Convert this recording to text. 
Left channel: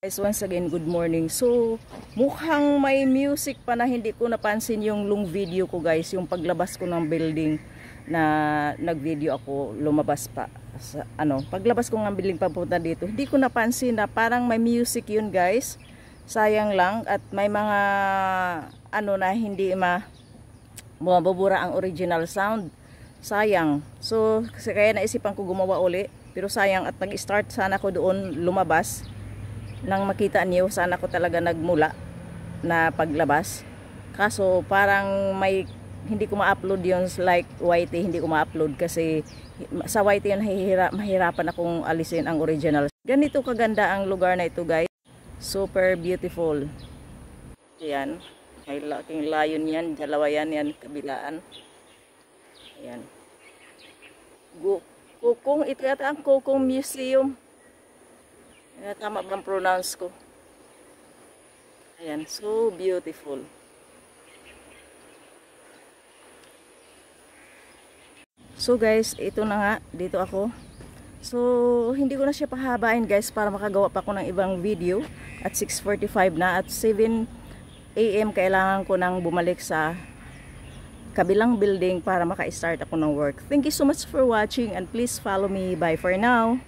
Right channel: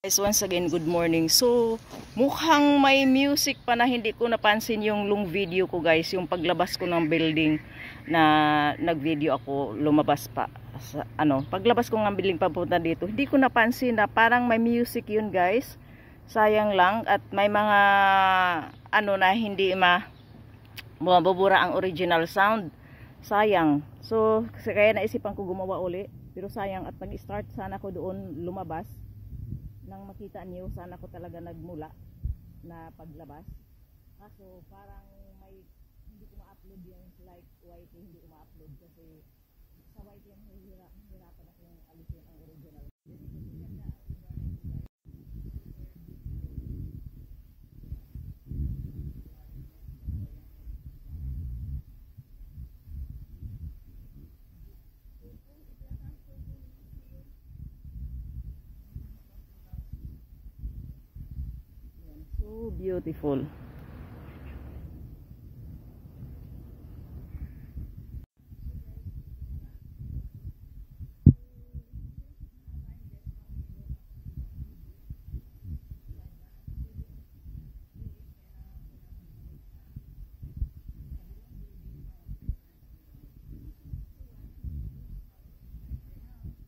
Guys, once again, good morning. So, mukhang may music pa na hindi ko napansin yung long video ko, guys. Yung paglabas ko ng building na nag-video ako, lumabas pa. Paglabas ko ng building papunta dito, hindi ko napansin na parang may music yun, guys. Sayang lang. At may mga, na hindi mabubura ang original sound. Sayang. So, kaya naisipan ko gumawa uli. Pero sayang at nag-start sana ko doon lumabas. Nang makita niyo, sana ko talaga nagmula na paglabas. Kaso parang hindi ko ma-upload yun like YT, hindi ko ma-upload kasi sa YT yun mahirapan akong alisin ang original. Ganito kaganda ang lugar na ito, guys. Super beautiful. Ayan. May laking layon yan. Dalawa yan kabilaan. Ayan. Kukong, ito yata ang Kukong Museum. Tama bang pronounce ko? Ayan, so beautiful. So guys, ito na nga, dito ako. So, hindi ko na siya pahabain, guys, para makagawa pa ako ng ibang video. At 6:45 na, at 7 AM kailangan ko nang bumalik sa kabilang building para maka-start ako ng work. Thank you so much for watching and please follow me. Bye for now.